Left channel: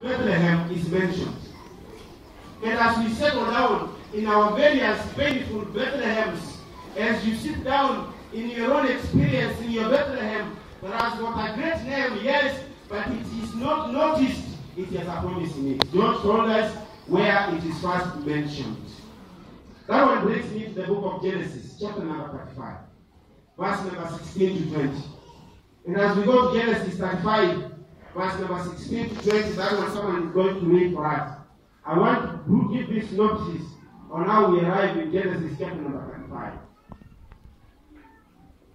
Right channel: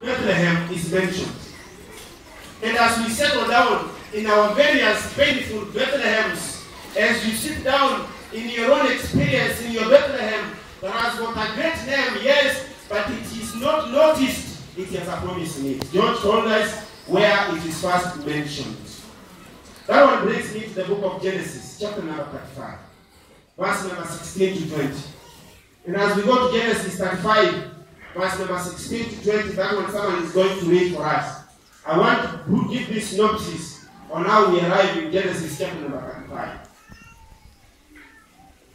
Bethlehem is mentioned. And as we settle down in our various painful Bethlehems, as you sit down in your own experience in your Bethlehem, that has got a great name, yes, but it is not noticed. It has a promise in it. George told us where it is first mentioned. That one brings me to the book of Genesis, chapter number 35, verse number 16 to 20. And as we go to Genesis 35, verse number 16 to 20, that one someone is going to read for us. I want to give this synopsis on how we arrive in Genesis chapter number 35.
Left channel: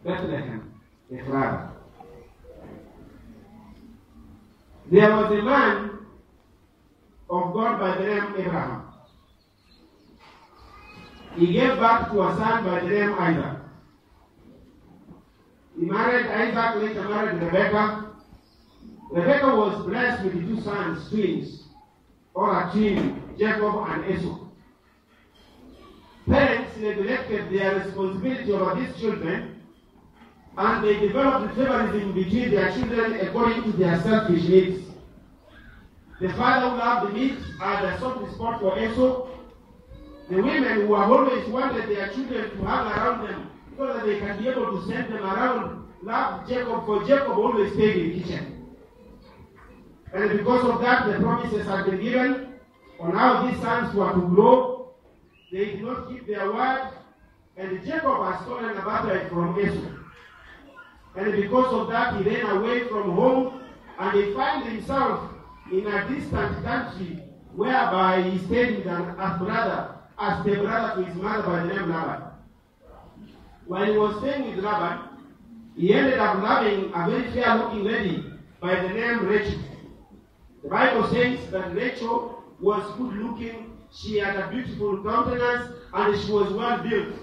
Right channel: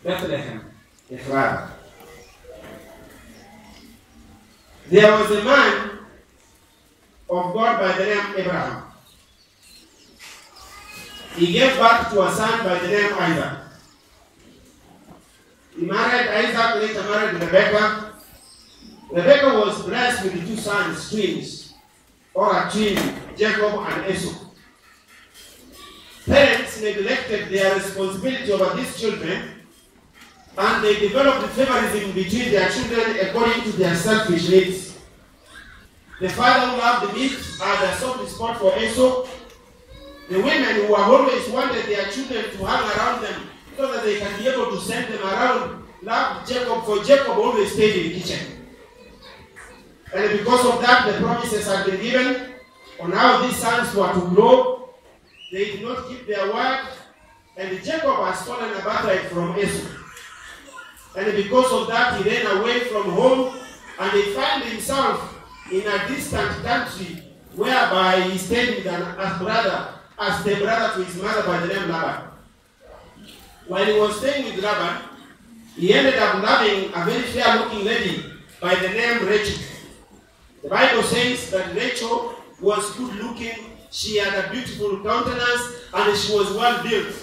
Bethlehem, Ephraim. There was a man of God by the name Abraham. He gave birth to a son by the name Isaac. He married Isaac, later married Rebekah. Rebekah was blessed with two sons, twins, or a twin, Jacob and Esau. Parents neglected their responsibility over these children, and they developed favorism between their children according to their selfish needs. The father who loved the meat had a soft spot for Esau. The women who have always wanted their children to hang around them so that they can be able to send them around loved Jacob, for Jacob always stayed in the kitchen. And because of that, the promises had been given on how these sons were to grow. They did not keep their word, and Jacob had stolen a birthright from Esau. And because of that, he ran away from home, and he found himself in a distant country, whereby he stayed with a brother, as the brother to his mother by the name Laban. While he was staying with Laban, he ended up loving a very fair-looking lady by the name Rachel. The Bible says that Rachel was good-looking, she had a beautiful countenance, and she was well-built.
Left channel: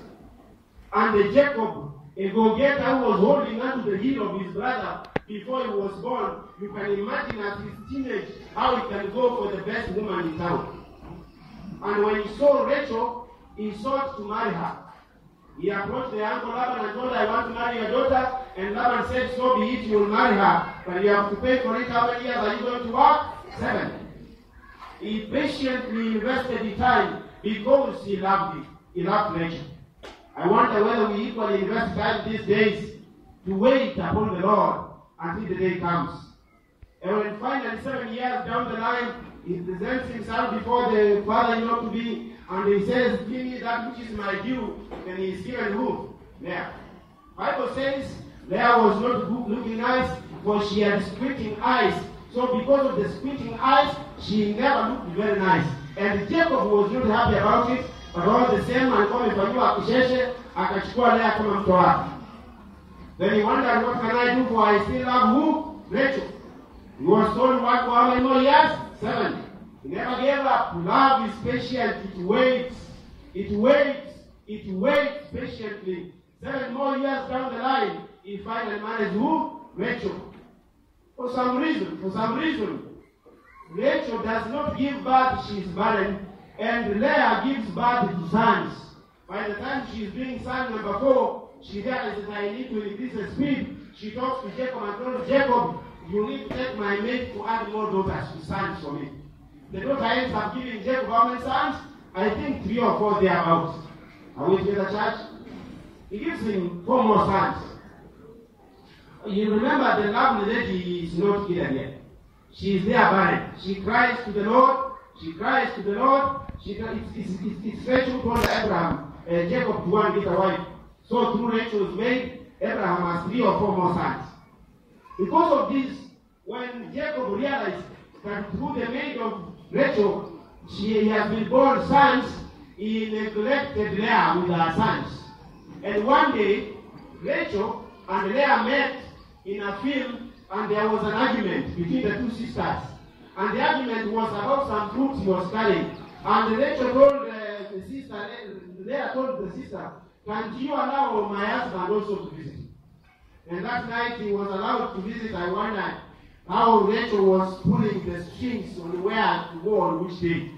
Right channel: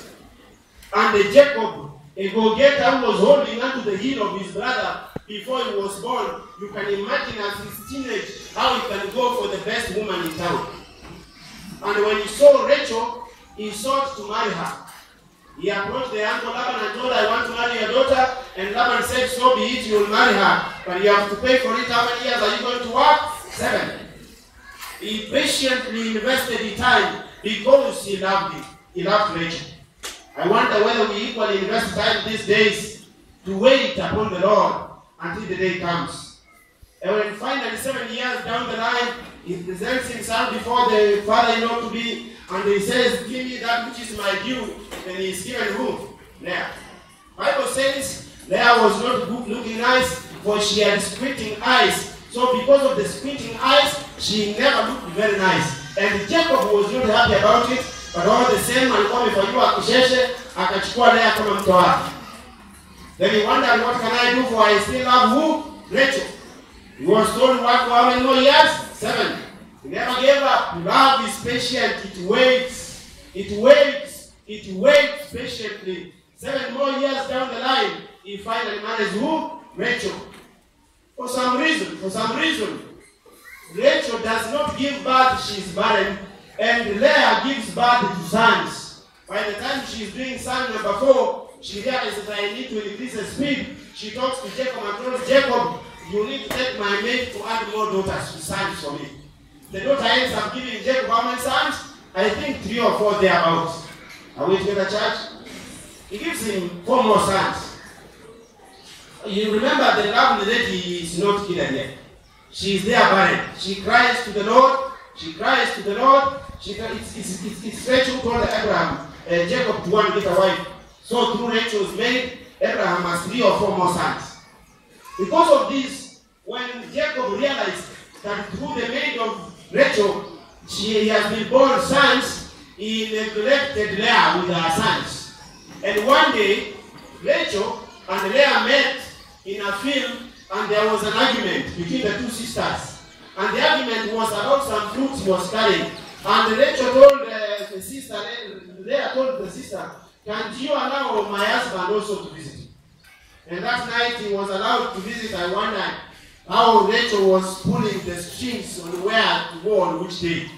And Jacob, a go-getter who was holding onto the heel of his brother before he was born, you can imagine as his teenage how he can go for the best woman in town. And when he saw Rachel, he sought to marry her. He approached the uncle Laban and told her, I want to marry your daughter. And Laban said, so be it, you will marry her. But you have to pay for it. How many years are you going to work? 7. He patiently invested the time because he loved it. He loved Rachel. I wonder whether we equally invest time these days to wait upon the Lord until the day comes. And when finally 7 years down the line, he presents himself before the father-in-law to be, and he says, give me that which is my due. And he is given who? Leah. Bible says Leah was not good looking nice, for she had squinting eyes. So because of the squinting eyes, she never looked very nice. And Jacob was not happy about it, but all the same, alikuwa amefanyiwa kisheshe, akachukua Leah kama mtoto wake. Then he wondered, what can I do, for I still love who? Rachel. He was told what for how many more years? 7. He never gave up. Love is patient. It waits. It waits. It waits patiently. 7 more years down the line, he finally marries who? Rachel. For some reason, Rachel does not give birth, she is barren, and Leah gives birth to sons. By the time she is doing son number 4, she realizes that I need to increase the speed. She talks to Jacob and tells Jacob, you need to take my maid to add more daughters to sons for me. The daughter ends up giving Jacob how many sons? I think 3 or 4 thereabouts. Are we together, church? He gives him 4 more sons. You remember the lovely lady is not hidden yet. She is there barren. She cries to the Lord. She cries to the Lord. It's Rachel who told Abraham, Jacob to go and get a wife. So through Rachel's maid, Abraham has 3 or 4 more sons. Because of this, when Jacob realized that through the maid of Rachel, he has been born sons, he neglected Leah with her sons. And one day, Rachel and Leah met in a field, and there was an argument between the 2 sisters. And the argument was about some fruits he was carrying. And Rachel told the sister, Leah told the sister, can't you allow my husband also to visit? And that night he was allowed to visit. I wonder how Rachel was pulling the strings on where to go on which day.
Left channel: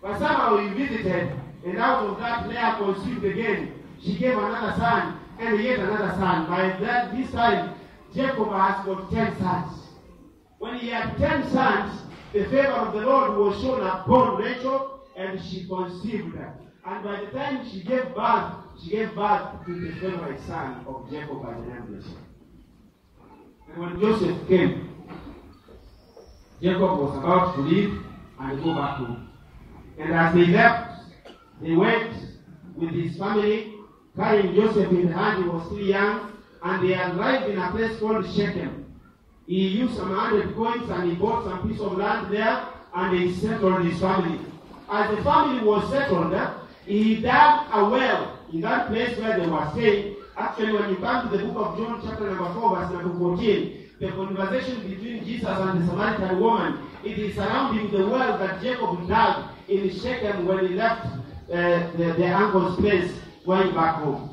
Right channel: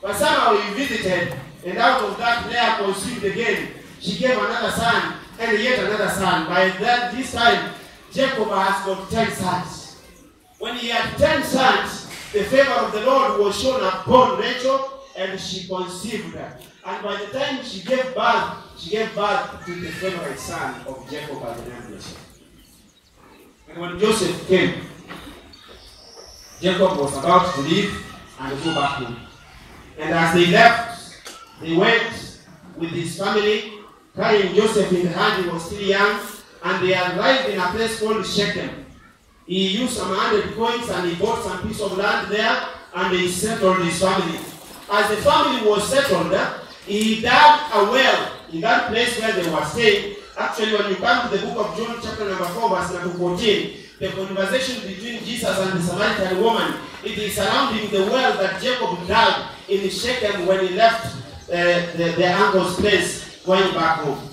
But somehow he visited, and out of that Leah conceived again. She gave another son, and yet another son. By this time, Jacob has got 10 sons. When he had 10 sons, the favor of the Lord was shown upon Rachel, and she conceived her. And by the time she gave birth to the favorite son of Jacob by the name of Joseph. And when Joseph came, Jacob was about to leave and go back home. And as they left, they went with his family, carrying Joseph in the hand. He was still young, and they arrived in a place called Shechem. He used some 100 coins and he bought some piece of land there, and he settled his family. As the family was settled, he dug a well in that place where they were staying. Actually, when you come to the book of John, chapter number 4, verse number 14, the conversation between Jesus and the Samaritan woman, it is surrounding the well that Jacob dug in Shechem when he left their uncle's place going back home.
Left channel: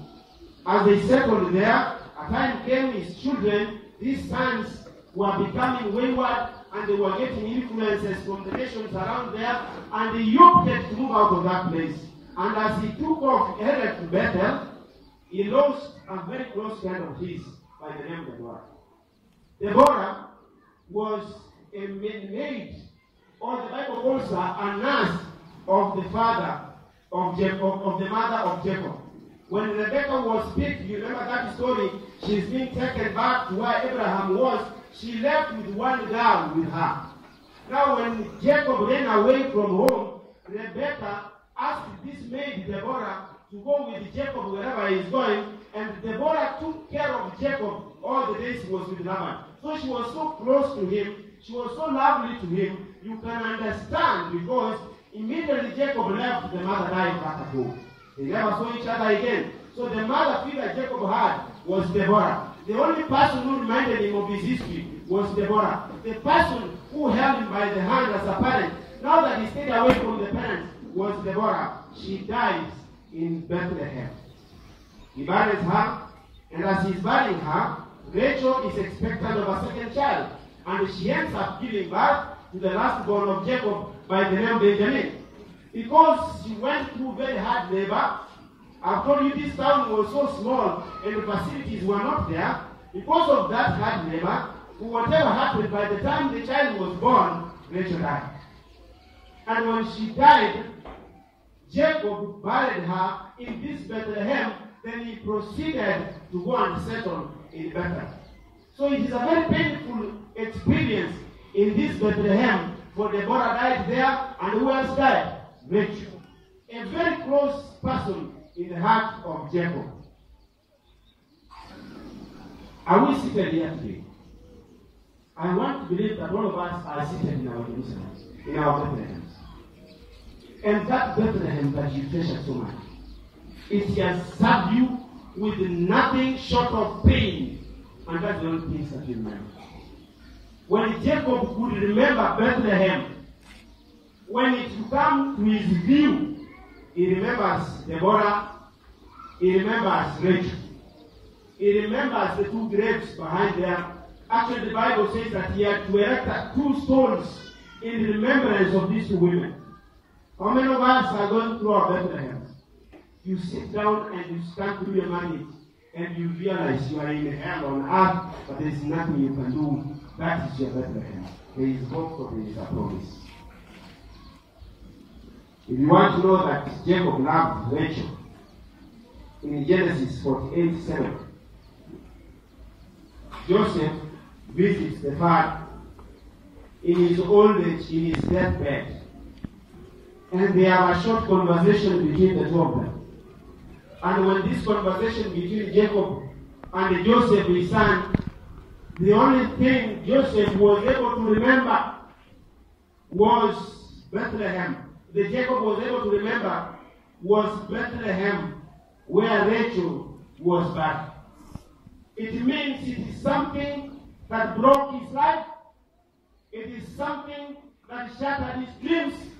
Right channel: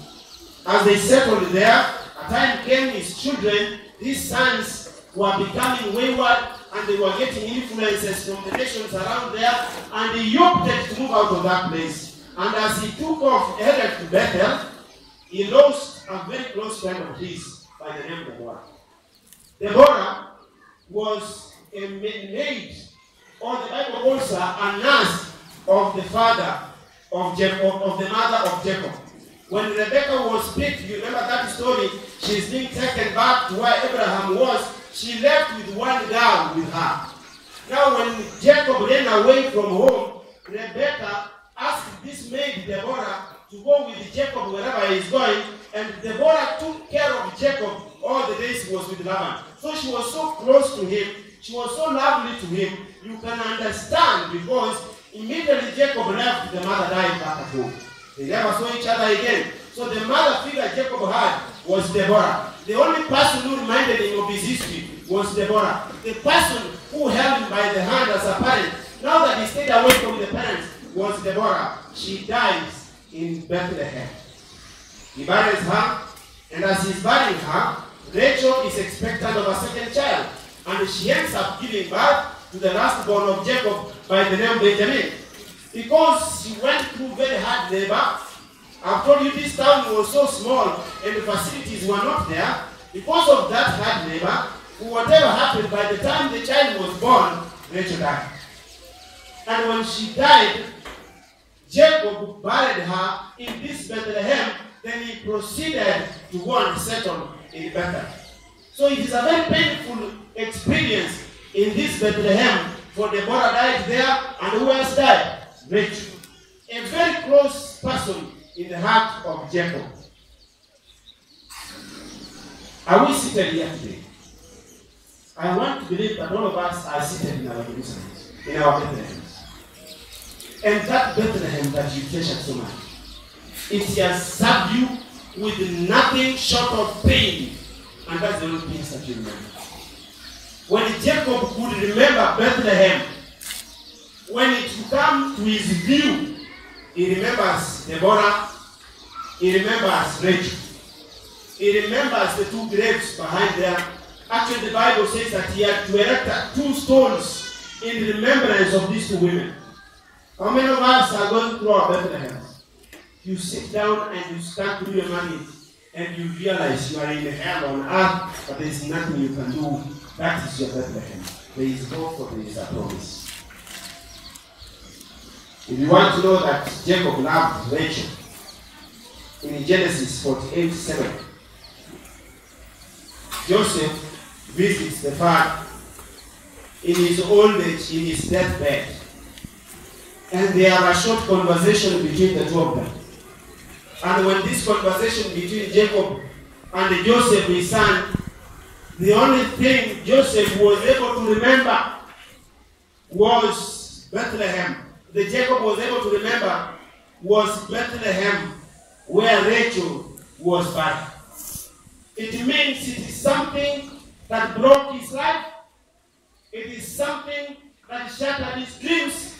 As they settled there, a time came his children, his sons, were becoming wayward, and they were getting influences from the nations around there, and he opted to move out of that place. And as he took off, headed to Bethel, he lost a very close friend of his by the name of Deborah. Deborah was a maid, or the Bible calls her a nurse of the father of Jacob, of the mother of Jacob. When Rebekah was picked, you remember that story, she's being taken back to where Abraham was. She left with one girl with her. Now when Jacob ran away from home, Rebekah asked this maid, Deborah, to go with Jacob wherever he is going, and Deborah took care of Jacob all the days he was with Laban. So she was so close to him, she was so lovely to him, you can understand, because immediately Jacob left, the mother died back at home. They never saw each other again. So the mother figure Jacob had was Deborah. The only person who reminded him of his history was Deborah. The person who held him by the hand as a parent, now that he stayed away from the parents, was Deborah. She dies in Bethlehem. He buries her, and as he's burying her, Rachel is expectant of a second child, and she ends up giving birth to the last born of Jacob by the name Benjamin. Because she went through very hard labor. I've told you this town was so small and the facilities were not there. Because of that hard labor, whatever happened, by the time the child was born, Rachel died. And when she died, Jacob buried her in this Bethlehem. Then he proceeded to go and settle in Bethel. So it is a very painful experience in this Bethlehem, for Deborah died there, and who else died? Rachel. A very close person in the heart of Jacob. Are we seated here today? I want to believe that all of us are seated in our Jerusalem, in our Bethlehem. And that Bethlehem that you treasure so much, it has served you with nothing short of pain. And that's the only things that you remember. When Jacob could remember Bethlehem, when it comes to his view, he remembers Deborah, he remembers Rachel, he remembers the two graves behind there. Actually, the Bible says that he had to erect 2 stones in remembrance of these 2 women. How many of us are going through our Bethlehem? You sit down and you start to do your money, and you realize you are in hell on earth, but there is nothing you can do. That is your Bethlehem. There is hope, for there is a promise. If you want to know that Jacob loved Rachel, in Genesis 48:7, Joseph visits the father in his old age, in his deathbed, and they have a short conversation between the 2 of them. And when this conversation between Jacob and Joseph, his son, the only thing Joseph was able to remember was Bethlehem. The Jacob was able to remember was Bethlehem, where Rachel was buried. It means it is something that broke his life. It is something that shattered his dreams.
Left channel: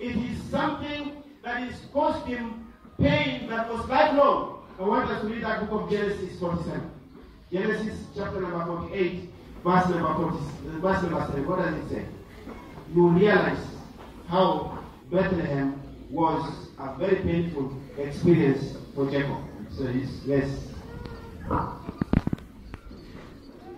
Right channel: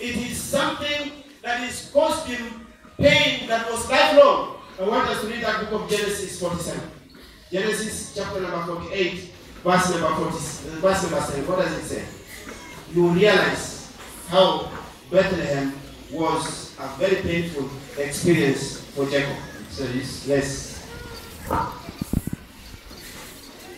It is something that has caused him pain that was lifelong. I want us to read that book of Genesis 47. Genesis chapter number 48, verse number 7. What does it say? You realize how Bethlehem was a very painful experience for Jacob. So yes.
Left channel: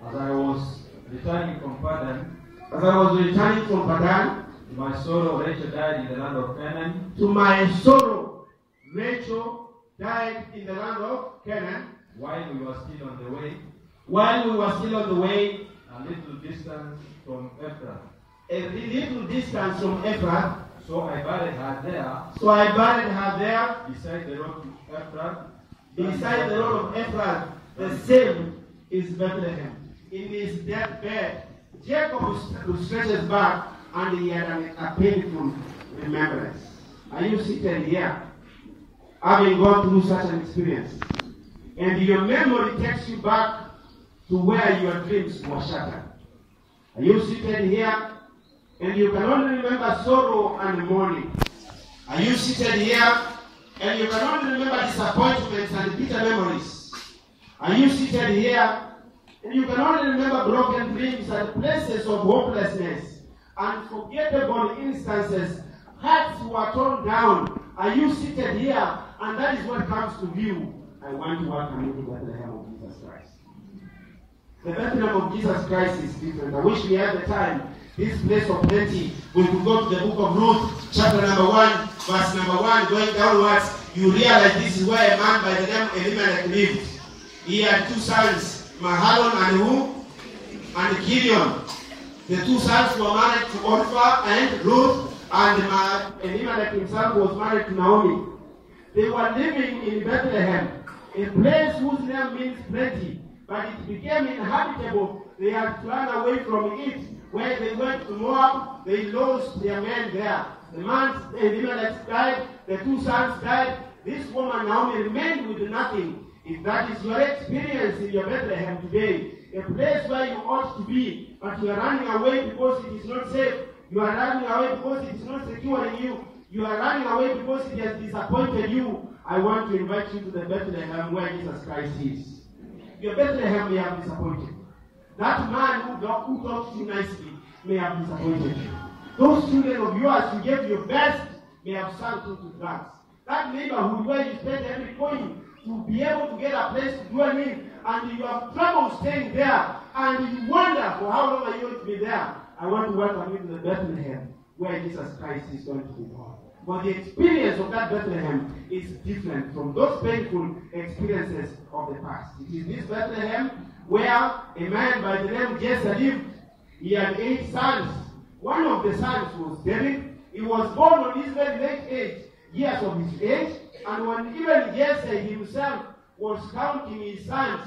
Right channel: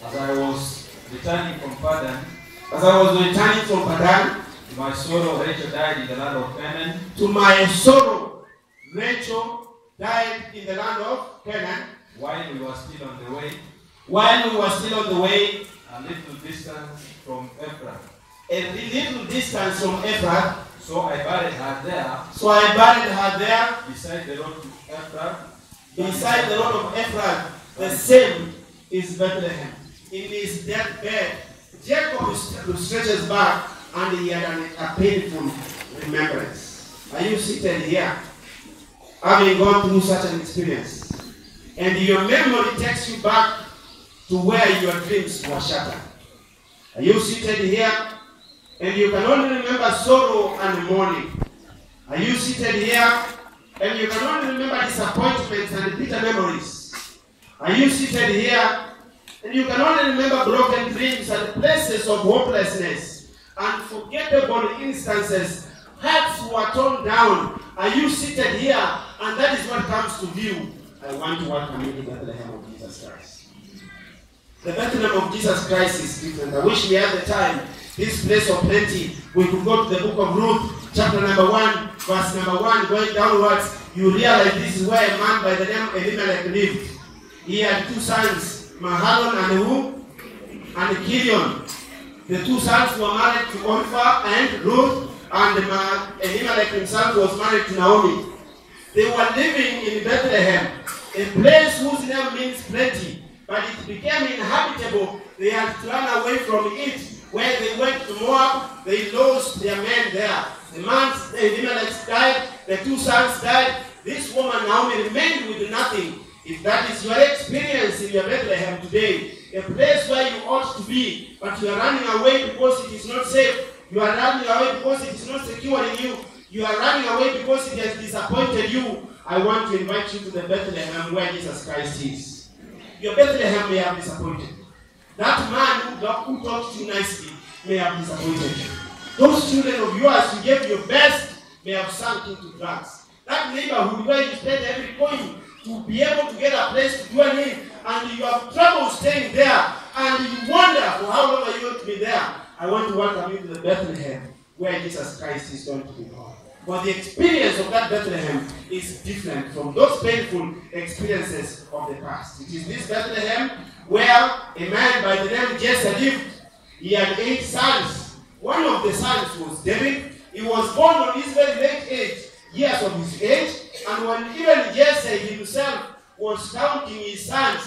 As I was returning from Padan, As I was returning from Padan, to my sorrow, Rachel died in the land of Canaan. To my sorrow, Rachel died in the land of Canaan. While we were still on the way. While we were still on the way. A little distance from Ephrath. A little distance from Ephrath. So I buried her there. So I buried her there. Beside the road to Ephrath. Beside the road of Ephrath. The same is Bethlehem. In his deathbed, Jacob stretches back and he had a painful remembrance. Are you seated here, having gone through such an experience? And your memory takes you back to where your dreams were shattered. Are you seated here? And you can only remember sorrow and mourning. Are you seated here? And you can only remember disappointments and bitter memories. Are you seated here? And you can only remember broken dreams and places of hopelessness. Unforgettable instances. Hearts were torn down. Are you seated here? And that is what comes to view. I want to welcome you to Bethlehem of Jesus Christ. The Bethlehem of Jesus Christ is different. I wish we had the time. This place of plenty. We could go to the book of Ruth, chapter number 1, verse number 1, going downwards. You realize this is where a man by the name of Elimelech lived. He had 2 sons, Mahalon and who? And Gideon. The 2 sons were married to Orpah and Ruth, and Elimelech himself was married to Naomi. They were living in Bethlehem, a place whose name means plenty, but it became inhabitable. They had to run away from it. Where they went to Moab, they lost their men there. The man, Elimelech, died, the 2 sons died. This woman, Naomi, remained with nothing. If that is your experience in your Bethlehem today, a place where you ought to be, but you are running away because it is not safe. You are running away because it is not secure in you. You are running away because it has disappointed you. I want to invite you to the Bethlehem where Jesus Christ is. Your Bethlehem may have disappointed you. That man who talked to you nicely may have disappointed you. Those children of yours who gave your best may have sunk into drugs. That neighborhood where you spend every coin to be able to get a place to dwell in, and you have trouble staying there, and you wonder for how long are you going to be there. I want to welcome you to the Bethlehem where Jesus Christ is going to be born. But the experience of that Bethlehem is different from those painful experiences of the past. It is this Bethlehem where a man by the name of Jesse lived. He had 8 sons. One of the sons was David. He was born on his very late age, years of his age. And when even Jesse himself was counting his sons,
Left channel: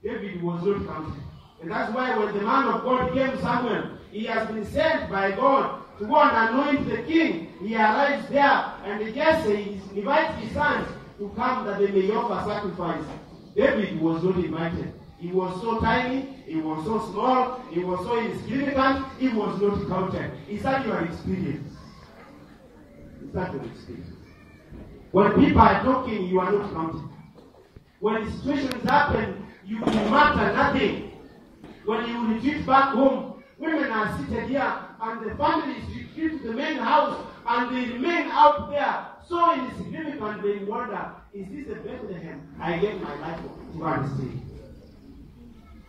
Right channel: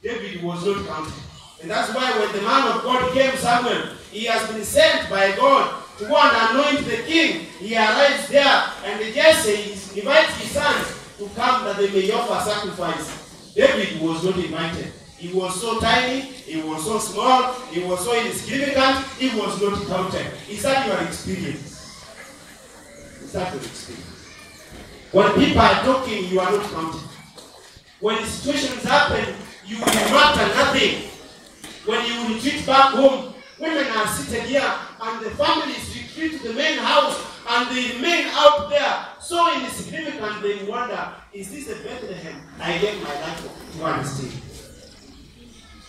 David was not counted. And that's why when the man of God came, Samuel, he has been sent by God to go and anoint the king. He arrives there, and Jesse invites his sons to come that they may offer sacrifice. David was not invited. He was so tiny, he was so small, he was so insignificant, he was not counted. Is that your experience? Is that your experience? When people are talking, you are not counted. When situations happen, you will matter nothing. When you retreat back home, women are seated here, and the families retreat to the main house, and they remain out there, so insignificant, they wonder, is this the Bethlehem I gave my life to understand?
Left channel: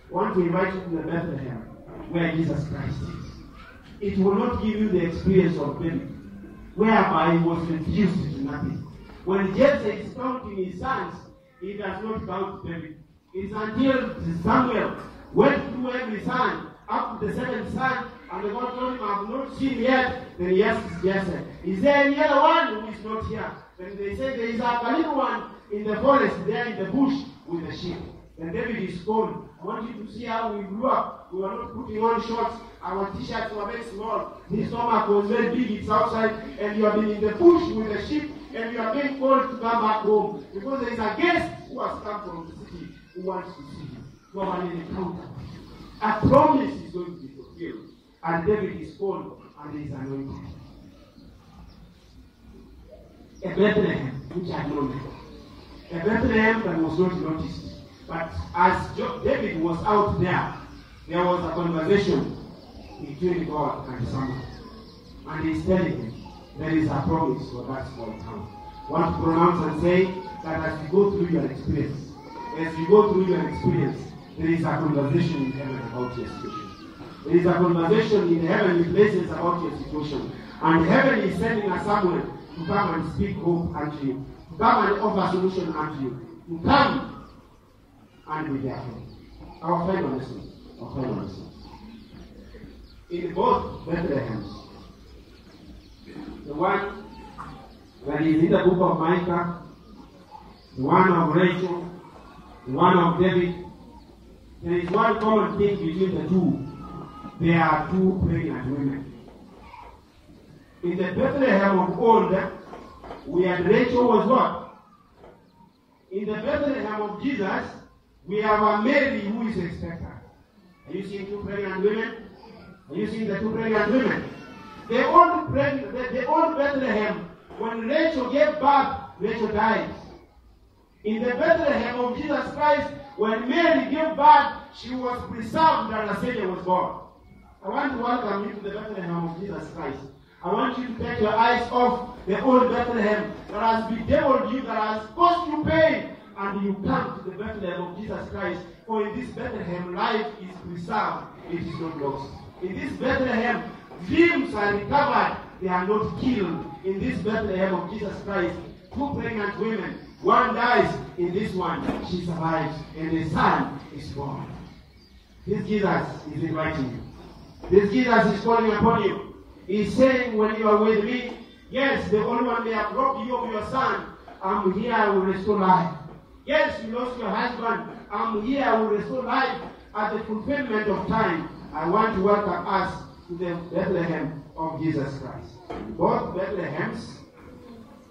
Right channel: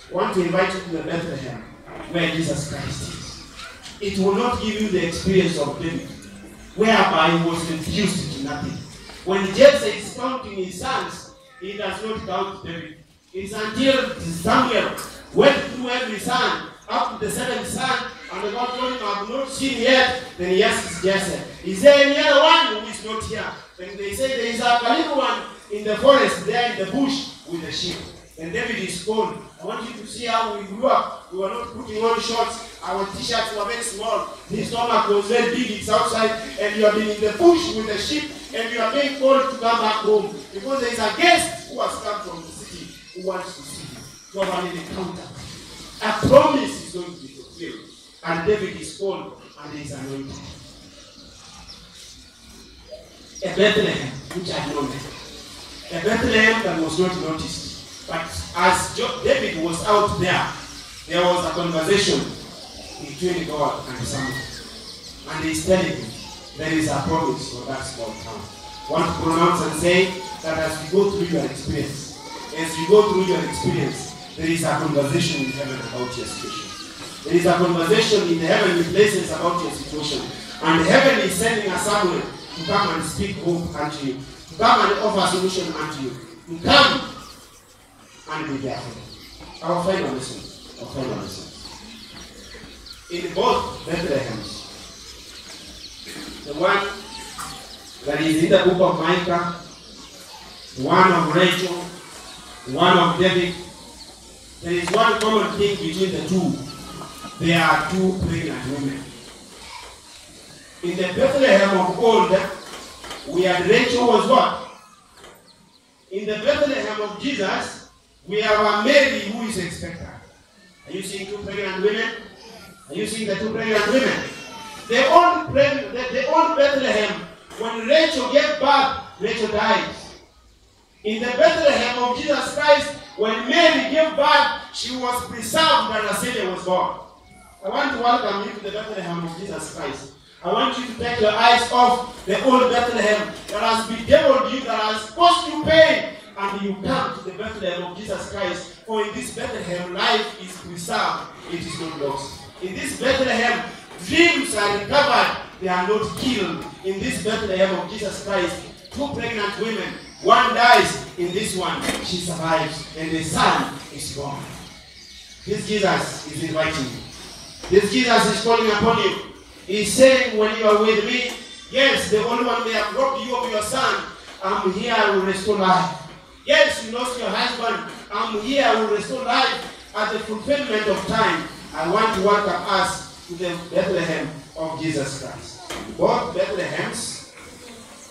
I want to invite you to the Bethlehem where Jesus Christ is. It will not give you the experience of David, whereby he was reduced to nothing. When Jesse is counting his sons, he does not count David. It's until Samuel went through every son, up to the 7th son, and God told him, I have not seen yet. Then he asks Jesse, is there any other one who is not here? Then they say, there is a little one in the forest, there in the bush with the sheep. And David is called. I want you to see how we grew up. We were not putting on shorts. Our t-shirts were very small. His stomach was very big. It's outside. And you have been in the bush with the sheep. And you are being called to come back home. Because there is a guest who has come from the city who wants to see you. To have an encounter. A promise is going to be fulfilled. And David is called and he is anointed. A Bethlehem which I know. A Bethlehem that was not noticed. But as David was out there, there was a conversation between God and Samuel. And he's telling him, there is a promise for that small town. I want to pronounce and say that as you go through your experience, there is a conversation with heaven about your situation. There is a conversation in the heavenly places about your situation. And heaven is sending a Samuel to come and speak hope unto you. To come and offer solution unto you. To come and be there for you. Our final lesson. Our final lesson. In both Bethlehems, the one that is in the book of Micah, the one of Rachel, the one of David, there is one common thing between the two. There are two pregnant women. In the Bethlehem of old, we had Rachel was what? In the Bethlehem of Jesus, we have a Mary who is expectant. Are you seeing two pregnant women? Are you seeing the two pregnant women? The old Bethlehem, when Rachel gave birth, Rachel died. In the Bethlehem of Jesus Christ, when Mary gave birth, she was preserved and a Savior was born. I want to welcome you to the Bethlehem of Jesus Christ. I want you to take your eyes off the old Bethlehem that has bedeviled you, that has caused you pain, and you come to the Bethlehem of Jesus Christ. For in this Bethlehem, life is preserved, it is not lost. In this Bethlehem, dreams are recovered, they are not killed. In this Bethlehem of Jesus Christ, two pregnant women, one dies, in this one, she survives, and the son is born. This Jesus is inviting you. This Jesus is calling upon you. He's saying, when you are with me, yes, the only one may have robbed you of your son. I'm here, I will restore life. Yes, you lost your husband. I'm here, I will restore life at the fulfillment of time. I want to welcome us to the Bethlehem of Jesus Christ. Both Bethlehems,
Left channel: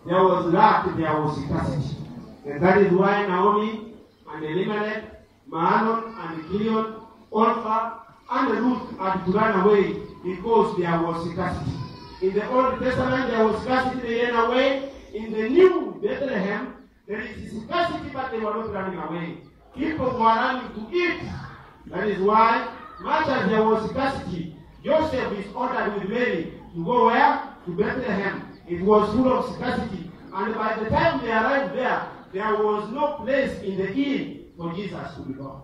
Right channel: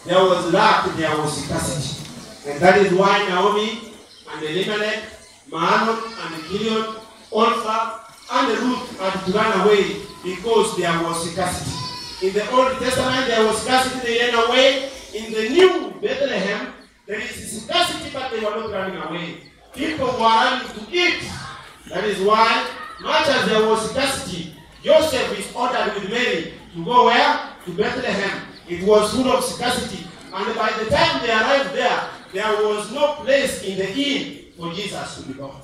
there was lack, there was scarcity. And that is why Naomi and Elimelech, Mahlon and Gilead, Orpha and Ruth had to run away because there was scarcity. In the Old Testament, there was scarcity, they ran away. In the New Bethlehem, there is scarcity, but they were not running away. People were running to eat. That is why, much as there was scarcity, Joseph is ordered with Mary to go where? To Bethlehem. It was full of scarcity. And by the time they arrived there, there was no place in the inn for Jesus to be born.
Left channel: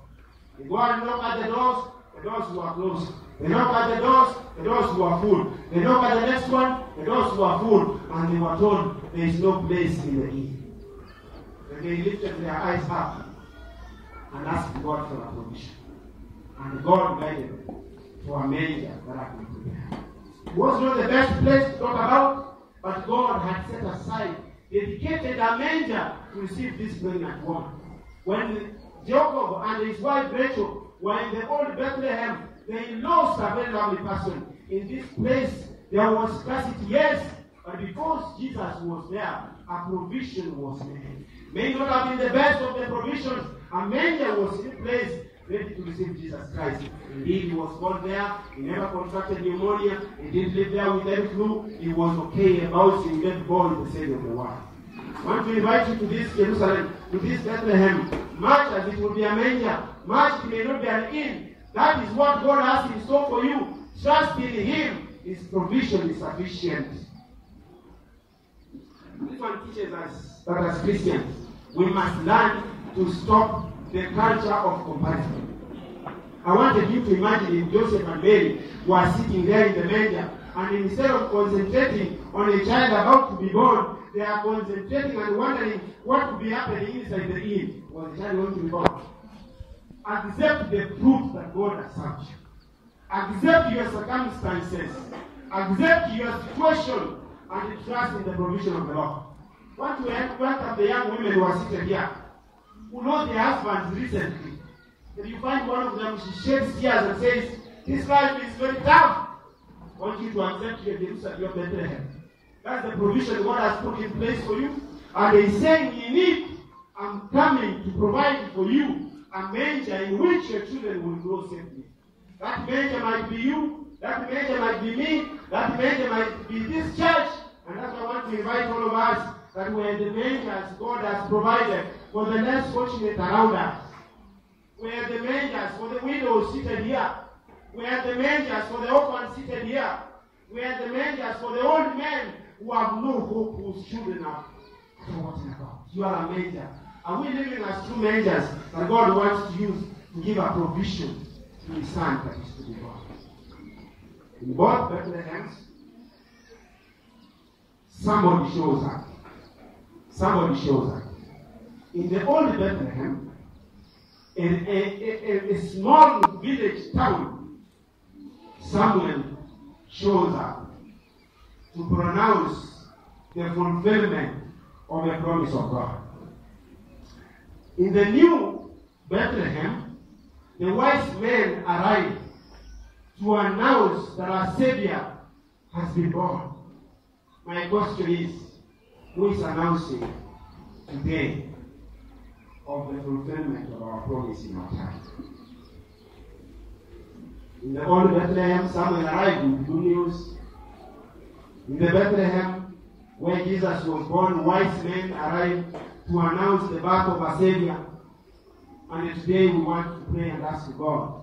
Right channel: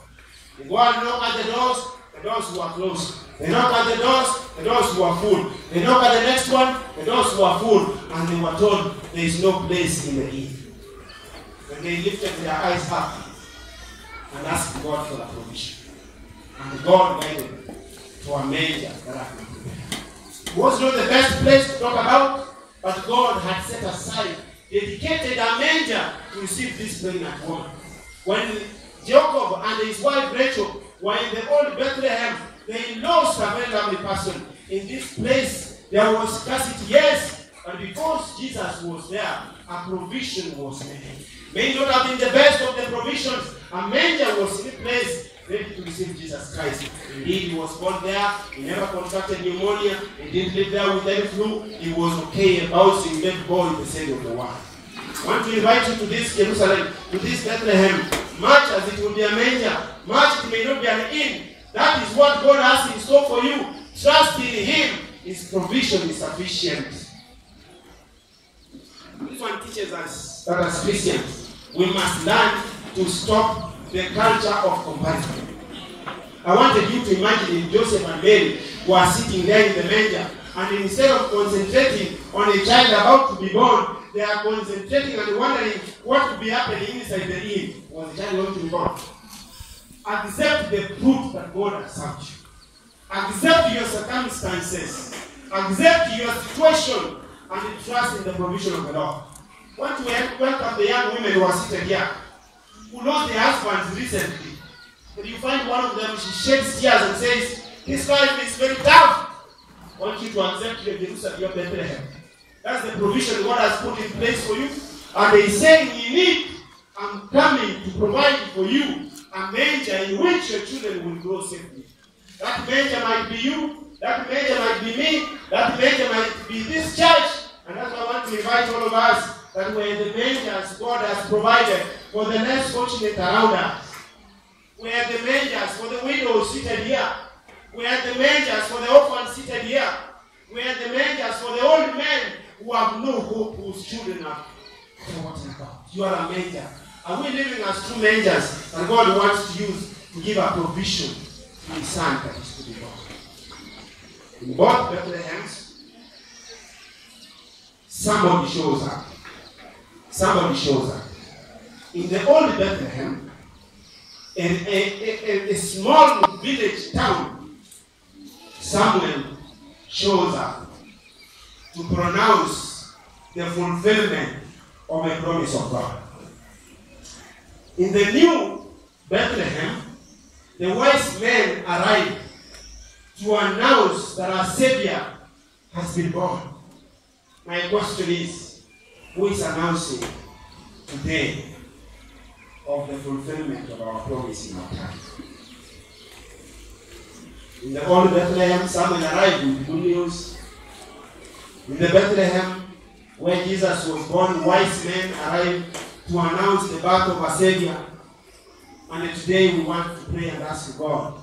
They go and knock at the doors were closed. They knock at the doors were full. They knock at the next one, the doors were full. And they were told there is no place in the inn. And they lifted their eyes up and asked God for a provision. And God guided them to a manger that I could prepare. It was not the best place to talk about, but God had set aside, dedicated a manger to receive this pregnant woman. When Jacob and his wife Rachel were in the old Bethlehem, they lost a very lovely person. In this place, there was scarcity, yes, but because Jesus was there, a provision was made. May not have been the best of the provisions. A manger was in place, ready to receive Jesus Christ. Indeed, he was born there. He never contracted pneumonia. He didn't live there with any flu. He was okay about being made born in the center of the world. I want to invite you to this Jerusalem, to this Bethlehem. Much as it will be a manger, much it may not be an inn. That is what God has in store for you. Trust in Him. His provision is sufficient. This one teaches us that as Christians, we must learn to stop the culture of comparison. I wanted you to imagine if Joseph and Mary were sitting there in the manger, and instead of concentrating on a child about to be born, they are concentrating and wondering what could be happening inside the inn. Was the child going to be born? Accept the truth that God has sent you. Accept your circumstances. Accept your situation and trust in the provision of the Lord. I want to welcome the young women who are seated here, who lost their husbands recently. And you find one of them, she sheds tears and says, his life is very tough. I want you to accept the Jerusalem, your Bethlehem. That's the provision God has put in place for you. And He is saying, you need, I'm coming to provide for you a manger in which your children will grow safely. That manger might be you, that manger might be me, that manger might be this church. And that's why I want to invite all of us, that where the mangers God has provided for the less fortunate around us, where the mangers for the widows seated here, where the mangers for the orphans seated here, where the mangers for the old men who have no hope, whose children are forgotten about. You are a manger. Are we living as true mangers that God wants to use to give a provision to His Son that is to be born? In both Bethlehems, somebody shows up. Somebody shows up. In the old Bethlehem, a small village town, Samuel shows up to pronounce the fulfillment of a promise of God. In the new Bethlehem, the wise men arrive to announce that our Savior has been born. My question is, who is announcing today of the fulfillment of our promise in our time? In the old Bethlehem, Samuel arrived with good news. In the Bethlehem, where Jesus was born, wise men arrived to announce the birth of our Savior. And today we want to pray and ask God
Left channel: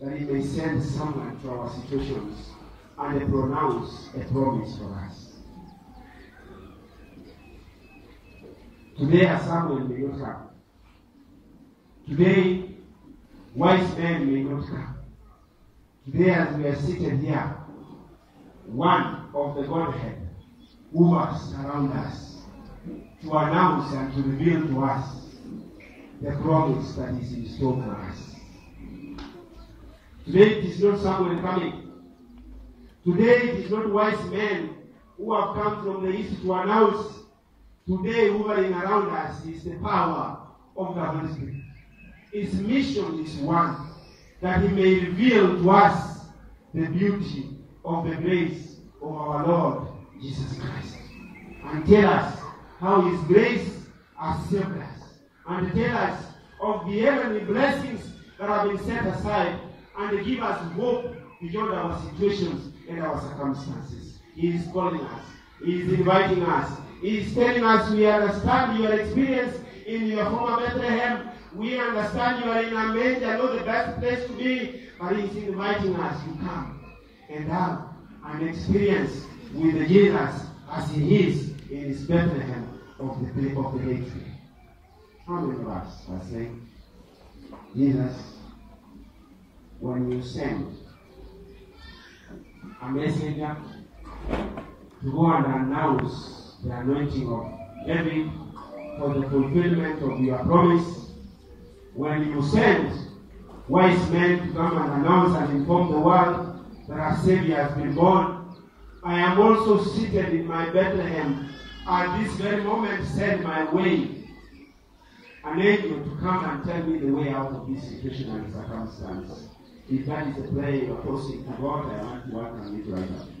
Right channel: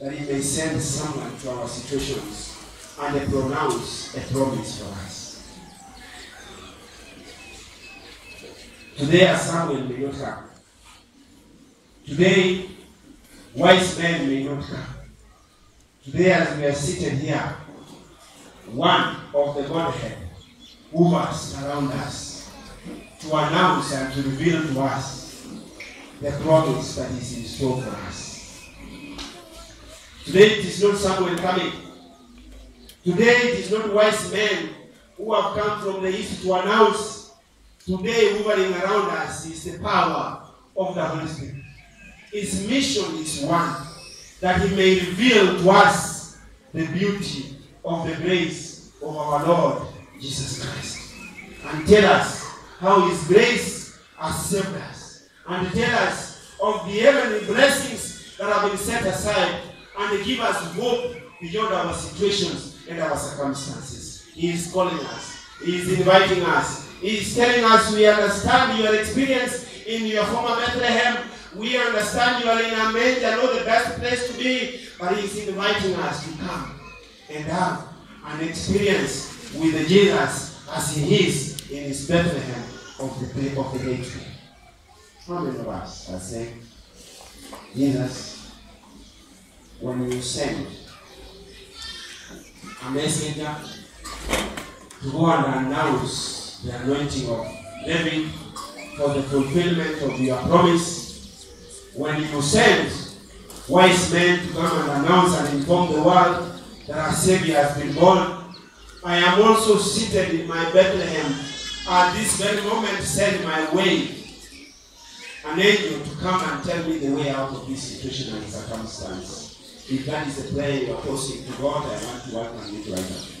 that He may send someone to our situations and pronounce a promise for us. Today, as Samuel may not come. Today, wise men may not come. Today, as we are seated here, one of the Godhead hovers around us to announce and to reveal to us the promise that is in store for us. Today, it is not someone coming. Today, it is not wise men who have come from the east to announce. Today, hovering around us is the power of the Holy Spirit. His mission is one, that He may reveal to us the beauty of the grace of our Lord Jesus Christ, and tell us how His grace has saved us, and tell us of the heavenly blessings that have been set aside, and give us hope beyond our situations and our circumstances. He is calling us. He is inviting us. He is telling us, we understand your experience in your former Bethlehem. We understand you are in a manger, not the best place to be, but He is inviting us to come and have an experience with Jesus as He is in His Bethlehem of the gateway. How many of us are saying, Jesus, when you send a messenger to go and announce the anointing of David for the fulfillment of your promise, when you send wise men to come and announce and inform the world that our Savior has been born, I am also seated in my Bethlehem at this very moment. Send my way an angel to come and tell me the way out of this situation and circumstance. If that is the prayer you are posting to God, I want to welcome you to right now.